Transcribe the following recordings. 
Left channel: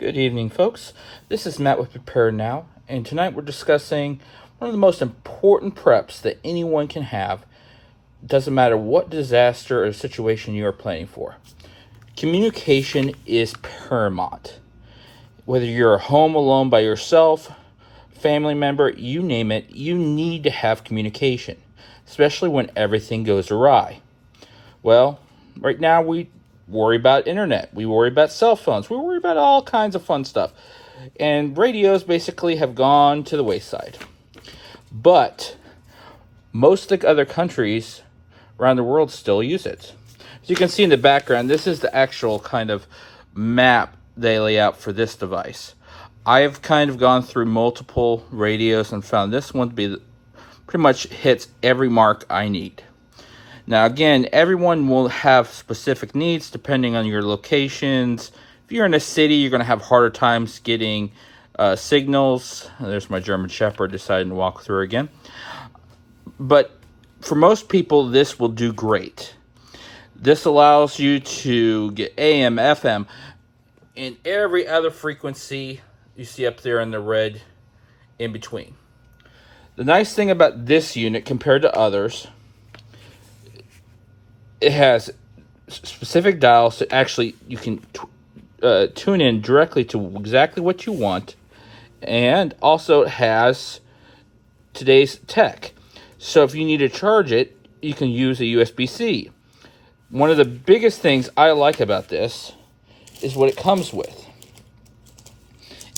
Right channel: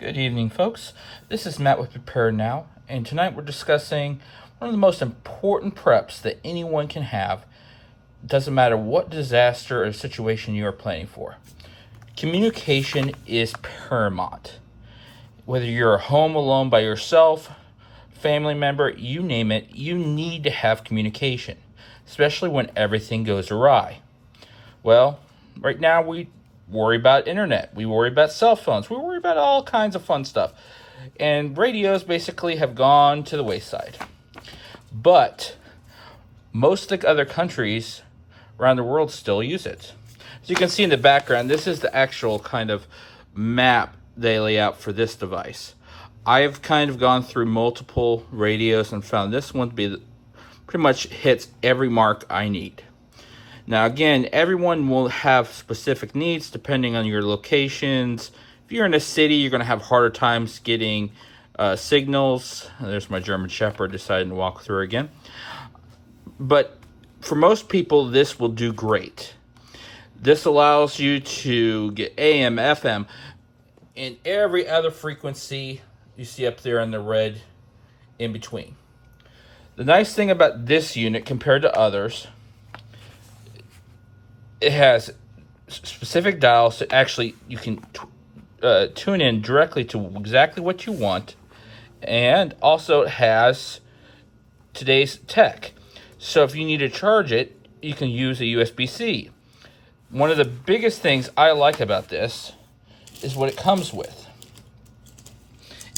Good evening, folks. This is Matt with Prepare Now, and tonight we're discussing one of the most important preps that anyone can have. Doesn't matter what disaster or situation you are planning for. Communication is paramount. Whether you're home alone by yourself, family member, you name it, you need to have communication, especially when everything goes awry. Well, right now we worry about internet, we worry about cell phones, we worry about all kinds of fun stuff. And radios basically have gone to the wayside. But most of the other countries around the world still use it. As you can see in the background, this is the actual kind of map they lay out for this device. I have kind of gone through multiple radios and found this one to be pretty much hits every mark I need. Now again, everyone will have specific needs depending on your locations. If you're in a city, you're going to have harder times getting signals. There's my German Shepherd deciding to walk through again. But for most people, this will do great. This allows you to get AM, FM, and every other frequency you see up there in the red in between. The nice thing about this unit compared to others, it has specific dials that actually you can tune in directly to exactly what you want, and also it has today's tech. So if you need to charge it, you can use a USB-C. One of the biggest things I like about this is what it comes with.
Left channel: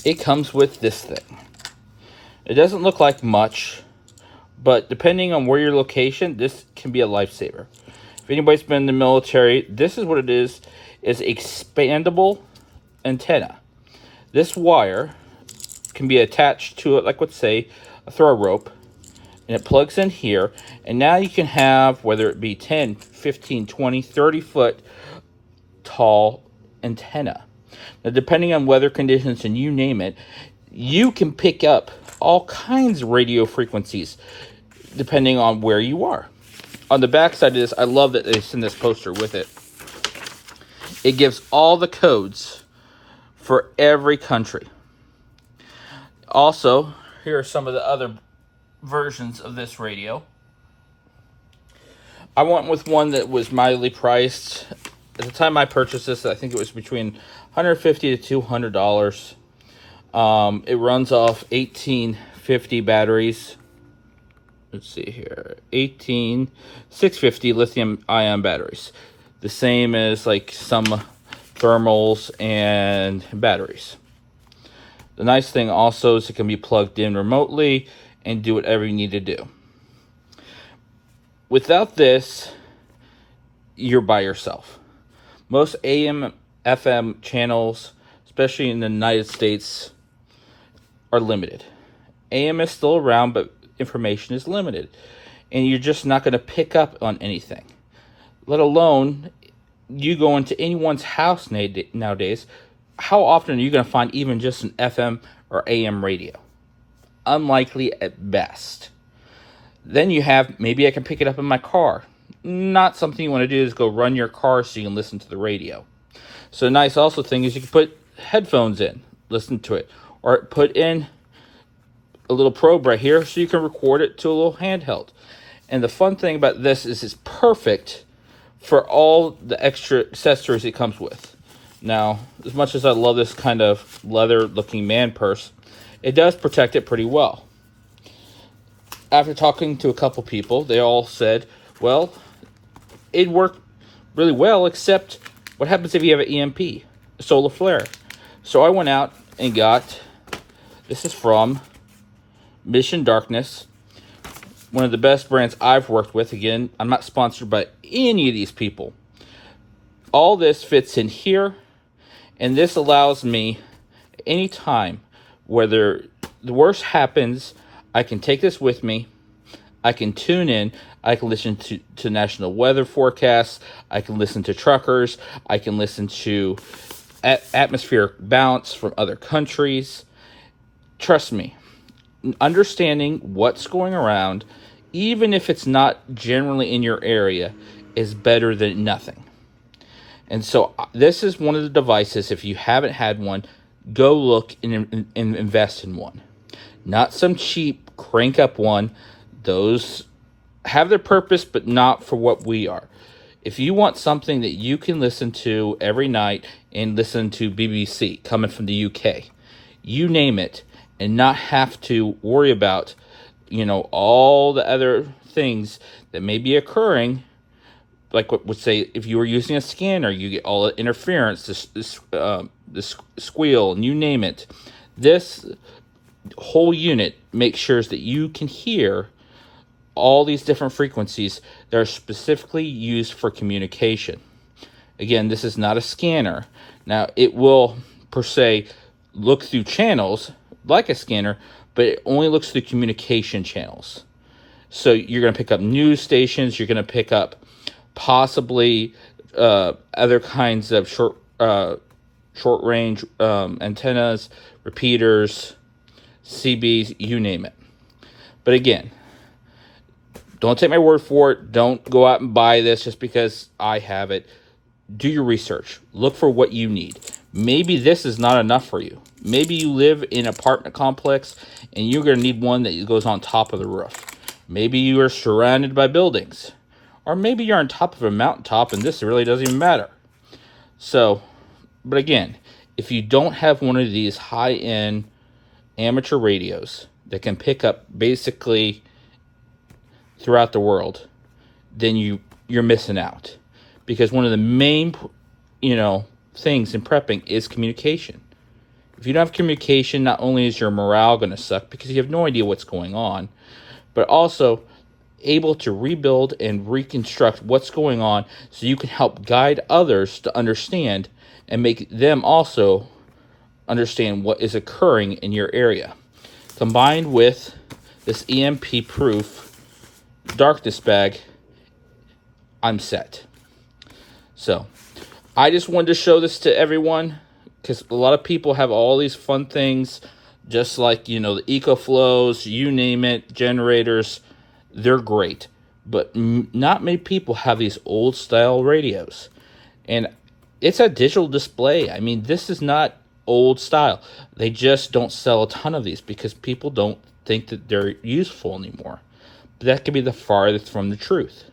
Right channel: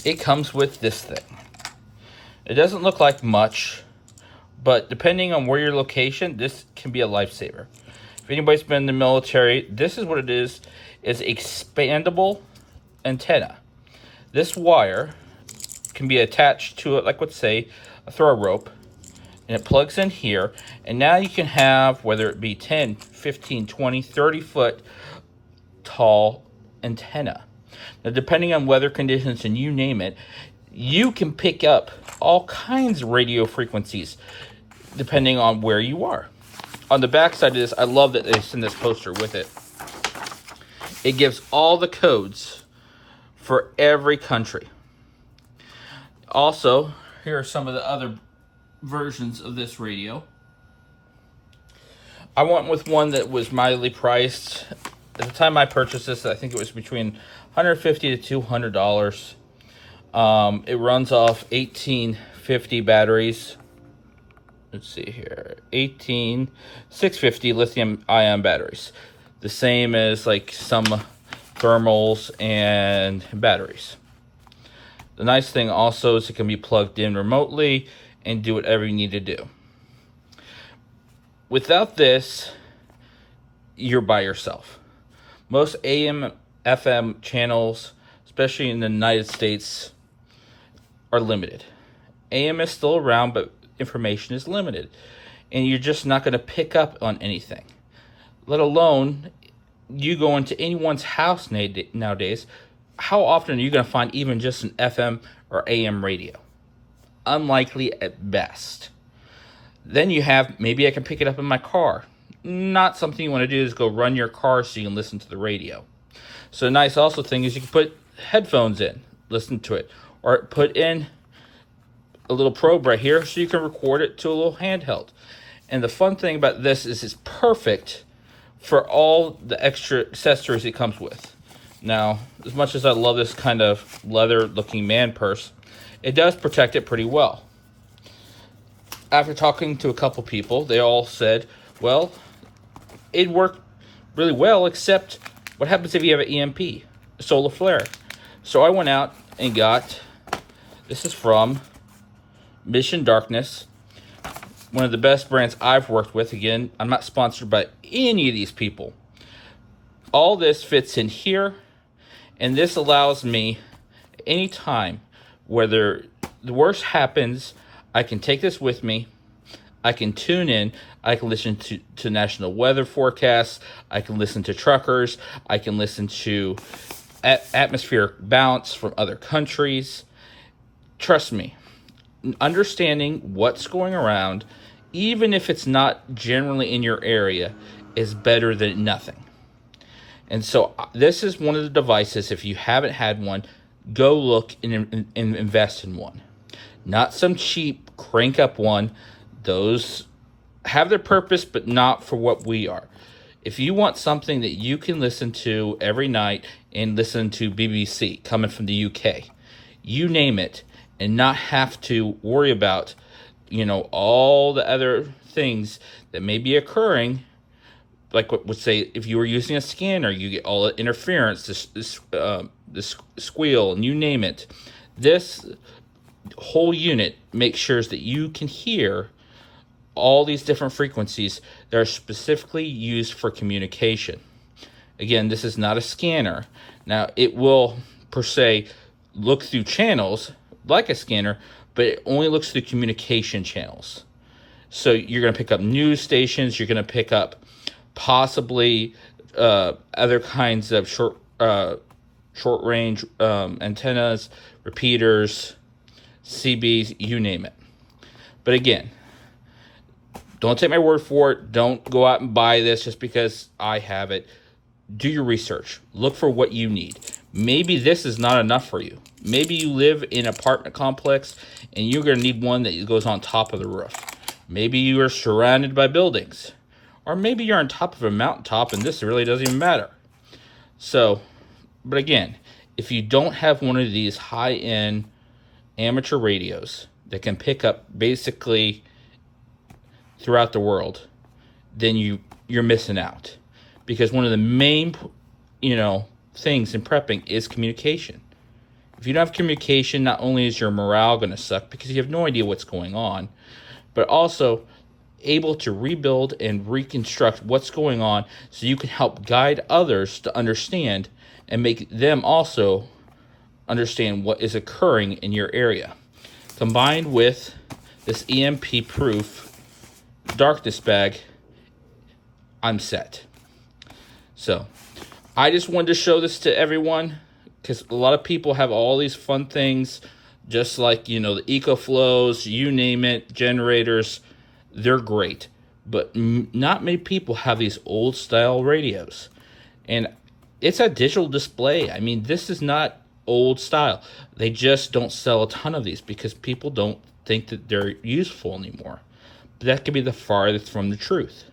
It comes with this thing. It doesn't look like much, but depending on where your location, this can be a lifesaver. If anybody's been in the military, this is what it is expandable antenna. This wire can be attached to it, like let's say a throw rope, and it plugs in here, and now you can have, whether it be 10, 15, 20, 30 foot tall antenna. Now depending on weather conditions and you name it, you can pick up all kinds of radio frequencies depending on where you are. On the back side of this, I love that they send this poster with it. It gives all the codes for every country. Also, here are some of the other versions of this radio. I went with one that was mildly priced. At the time I purchased this, I think it was between $150 to $200. It runs off 1850 batteries. Let's see here, 650 lithium ion batteries. The same as like some thermals and batteries. The nice thing also is it can be plugged in remotely and do whatever you need to do. Without this, you're by yourself. Most AM, FM channels, especially in the United States, are limited. AM is still around, but information is limited, and you're just not going to pick up on anything. Let alone you go into anyone's house nowadays, how often are you going to find even just an FM or AM radio? Unlikely at best. Then you have, maybe I can pick it up in my car. Not something you want to do is go run your car so you can listen to the radio. So a nice also thing is you can put headphones in, listen to it, or put in a little probe right here so you can record it to a little handheld. And the fun thing about this is it's perfect for all the extra accessories it comes with. Now, as much as I love this kind of leather looking man purse, it does protect it pretty well. After talking to a couple people, they all said, well, it worked really well, except what happens if you have an EMP, a solar flare? So I went out and got, this is from Mission Darkness, one of the best brands I've worked with. Again, I'm not sponsored by any of these people. All this fits in here, and this allows me anytime, whether the worst happens, I can take this with me, I can tune in, I can listen to national weather forecasts, I can listen to truckers, I can listen to atmospheric bounce from other countries. Trust me, understanding what's going around, even if it's not generally in your area, is better than nothing. And so this is one of the devices, if you haven't had one, go look and invest in one. Not some cheap crank up one. Those have their purpose, but not for what we are. If you want something that you can listen to every night and listen to BBC coming from the UK, you name it, and not have to worry about, all the other things that may be occurring, like what would say if you were using a scanner, you get all the interference, the squeal, and you name it. This whole unit makes sure that you can hear all these different frequencies that are specifically used for communication. Again, this is not a scanner. Now, it will, per se, look through channels like a scanner, but it only looks through communication channels. So you're going to pick up news stations, you're going to pick up possibly other kinds of short range antennas, repeaters, CBs, you name it. But again, don't take my word for it. Don't go out and buy this just because I have it. Do your research. Look for what you need. Maybe this is not enough for you. Maybe you live in an apartment complex and you're going to need one that goes on top of the roof. Maybe you are surrounded by buildings. Or maybe you're on top of a mountaintop and this really doesn't even matter. So, but again, if you don't have one of these high-end amateur radios that can pick up basically throughout the world, then you're missing out. Because one of the main, things in prepping is communication. If you don't have communication, not only is your morale going to suck because you have no idea what's going on, but also able to rebuild and reconstruct what's going on so you can help guide others to understand and make them also understand what is occurring in your area. Combined with this EMP proof darkness bag, I'm set. So I just wanted to show this to everyone because a lot of people have all these fun things, just like the EcoFlows, you name it, generators. They're great, but not many people have these old style radios, and it's a digital display. I mean, this is not old style. They just don't sell a ton of these because people don't think that they're useful anymore. But that could be the farthest from the truth.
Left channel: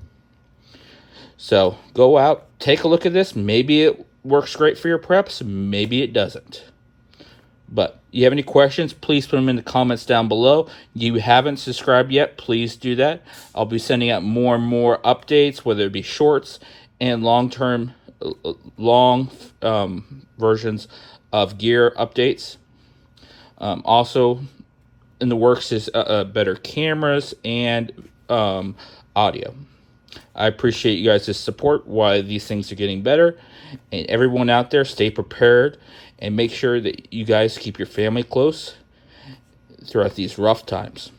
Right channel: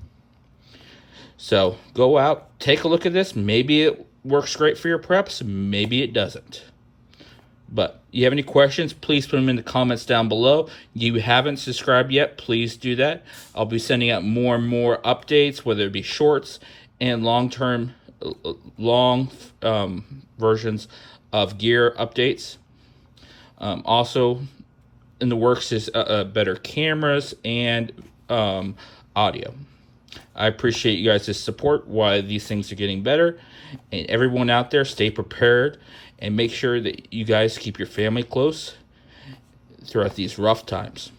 So go out, take a look at this. Maybe it works great for your preps. Maybe it doesn't. But you have any questions, please put them in the comments down below. You haven't subscribed yet, please do that. I'll be sending out more and more updates, whether it be shorts and long versions of gear updates. Also in the works is better cameras and audio. I appreciate you guys' support while these things are getting better. And everyone out there, stay prepared and make sure that you guys keep your family close throughout these rough times.